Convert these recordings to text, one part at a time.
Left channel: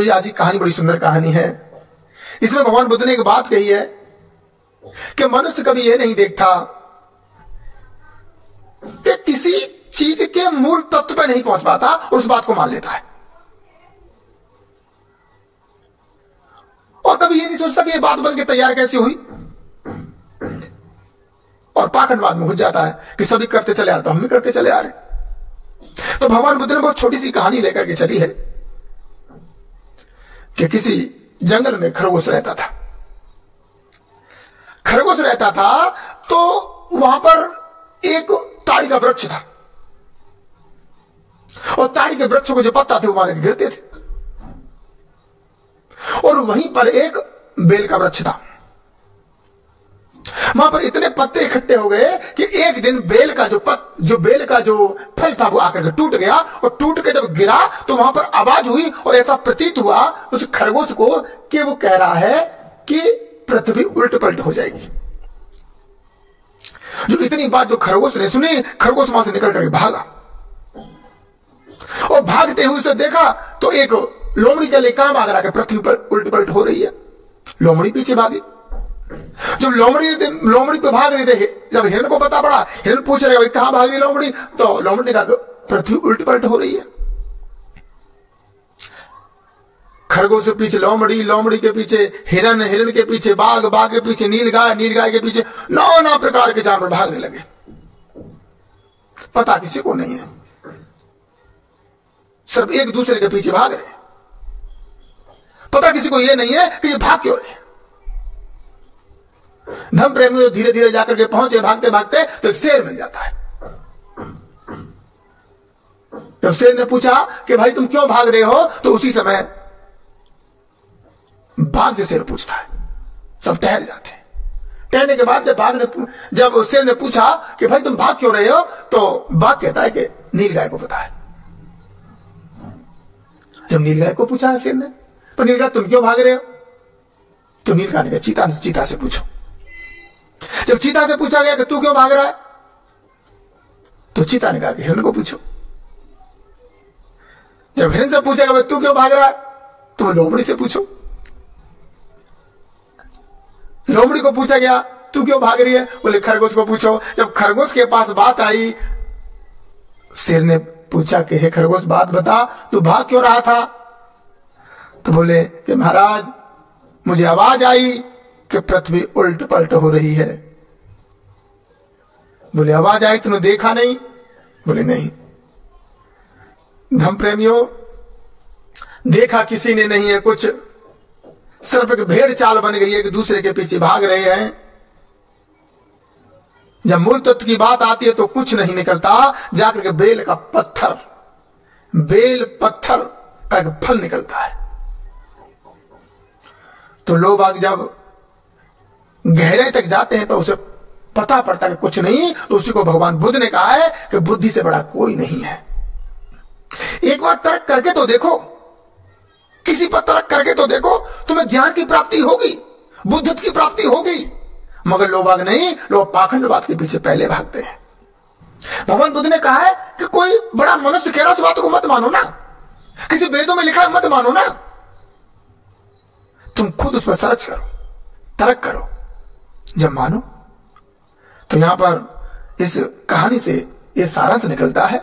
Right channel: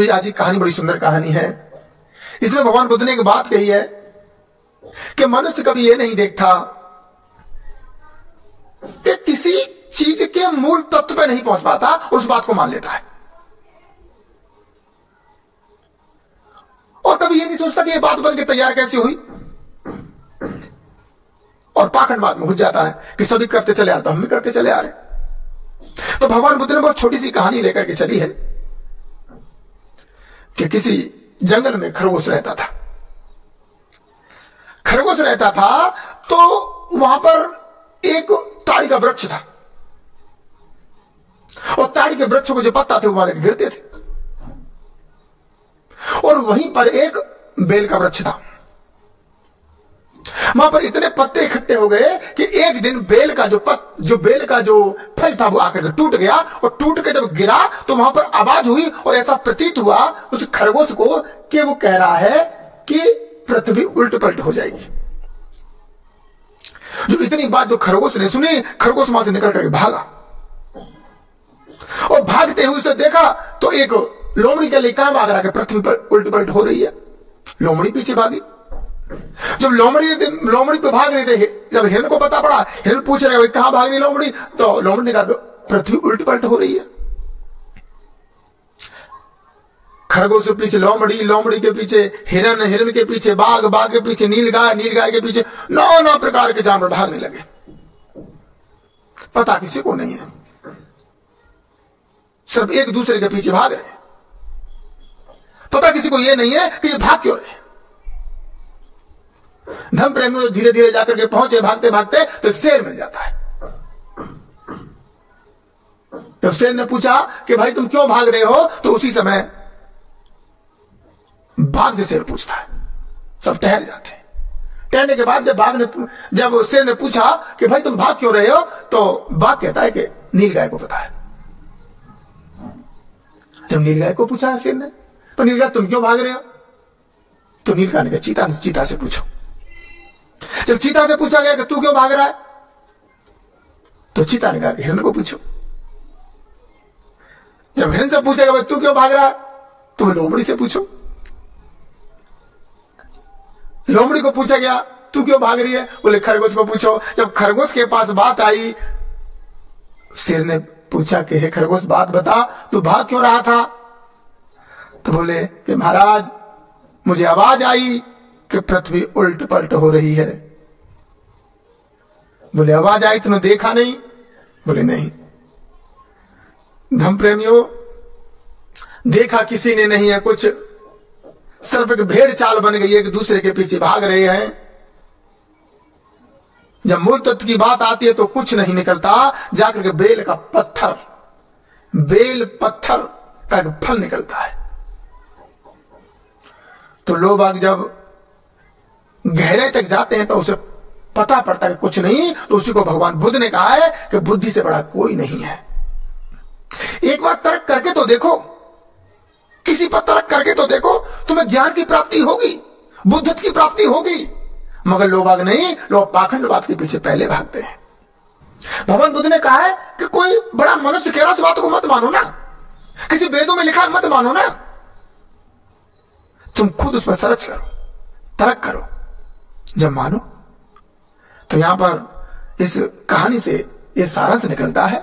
तो आज की कहानी बड़ी सुंदर कहानी है। इसमें भगवान बुद्ध ने एक बात कही है कि मनुष्य कभी यह नहीं देखता कि किसी चीज के मूल तत्व पे नहीं पहुंच पाता और उस बात को मान लेता है, और कभी यह नहीं सोचता कि यह बात बनकर तैयार कैसे हुई, और पाखंडवाद में घुस जाता है कि सभी करते चले आ रहे तो हम भी करते चले आ रहे। तो भगवान बुद्ध ने बहुत छोटी सी कहानी लेकर के चली है कि किसी जंगल में खरगोश रहता था। खरगोश रहता था तो वहां पर एक ताड़ी का वृक्ष था, और ताड़ी के वृक्षों को जो पत्ता थे वो वहां गिरते थे, और वहीं पर एक बेल का वृक्ष था। वहां पर इतने पत्ते इकट्ठे हो गए कि एक दिन बेल का जो फल था वो आकर के टूट गया, और टूट के जब गिरा तो वहां पर आवाज हुई, और ऐसा प्रतीत हुआ उस खरगोश को कि वो कह रहा है कि पृथ्वी उल्ट पलट हो जाएगी। जो इतनी बात जो खरगोश ने सुनी, खरगोश वहां से निकल करके भागा, और भागते हुए उसे देखा तो एक लोमड़ी के लिए कहां भाग रहा है, पृथ्वी पर उल्ट पलट हो रही है। लोमड़ी पीछे भागी। जब लोमड़ी पे भाग रही थे, जब हिरण को पता पड़ा, हिरण पूछ रहे कहां भाग रही लोमड़ी, तो लोमड़ी ने कहा पृथ्वी उल्ट पलट हो रही है। खरगोश के पीछे लोमड़ी, लोमड़ी के पीछे हिरण, हिरण के पीछे बाघ, बाघ के पीछे नीलगाय, नीलगाय के पीछे नाना प्रकार के जानवर भागने लगे। पता किसी को नहीं है, सब एक दूसरे के पीछे भाग रहे हैं। पता किसी को यह नहीं है कि ये भाग क्यों रहे। धर्म प्रेमी धीरे धीरे जाकर के पहुंचे भागते भागते तो एक शेर मिल जाता है। जब शेर ने पूछा कि भाई तुम क्यों भाग रहे हो, तो उसी समय बाघ से शेर पूछता है। सब ठहर जाते हैं। ठहरने के बाद जब शेर ने पूछा कि भाई तुम भाग क्यों रहे हो, तो बाघ कहता है कि नीलगाय को पता है। जब नीलगाय को पूछा शेर ने, पर नीलगाय तुम क्यों भाग रहे हो, तो नीलगाय ने कहा चीता से पूछो। जब चीता से पूछा गया कि तू क्यों भाग रहा है, तो चीता ने कहा कि हिरण को पूछो। जब हिरण से पूछेगा भाई तू क्यों भाग रहा है, तो लोमड़ी से पूछो। लोमड़ी को पूछा गया तू क्यों भाग रही है, बोले खरगोश को पूछो। जब खरगोश के पास बात आई, शेर ने पूछा कि हे खरगोश बात बता, तू भाग क्यों रहा था, तो बोले कि महाराज मुझे आवाज आई कि पृथ्वी उल्ट पलट हो रही है। बोले आवाज आई तूने देखा नहीं, बोले नहीं। धर्म प्रेमियों, देखा किसी ने नहीं है, कुछ सिर्फ एक भेड़ चाल बन गई है, एक दूसरे के पीछे भाग रहे हैं। जब मूल तत्व की बात आती है तो कुछ नहीं निकलता, जाकर के बेल पत्थर का एक फल निकलता है। तो लोग आग जब गहरे तक जाते हैं तो उसे पता पड़ता है कि कुछ नहीं, तो उसी को भगवान बुद्ध ने कहा है कि बुद्धि से बड़ा कोई नहीं है। एक बार तर्क करके तो देखो, किसी पर तर्क करके तो देखो, तुम्हें ज्ञान की प्राप्ति होगी, बुद्धत्व की प्राप्ति होगी। मगर लोग आग नहीं, लोग पाखंडवाद के पीछे पहले भागते हैं। भगवान बुद्ध ने कहा है कि कोई बड़ा मनुष्य कह रहा उस बात को मत मानो ना, किसी वेदों में लिखा मत मानो ना, तुम खुद उस पर सर्च करो, तर्क करो, जब मानो। तो यहां पर इस कहानी से यह सारांश निकलता है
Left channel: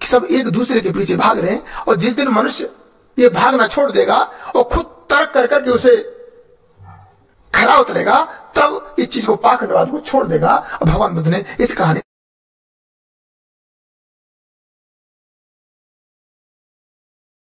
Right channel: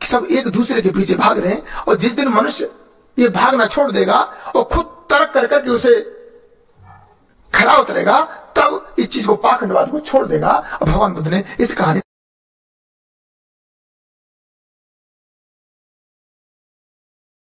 कि सब एक दूसरे के पीछे भाग रहे हैं, और जिस दिन मनुष्य ये भागना छोड़ देगा और खुद तर्क कर करके उसे खरा उतरेगा, तब इस चीज को पाखंडवाद को छोड़ देगा। और भगवान बुद्ध ने इस कहानी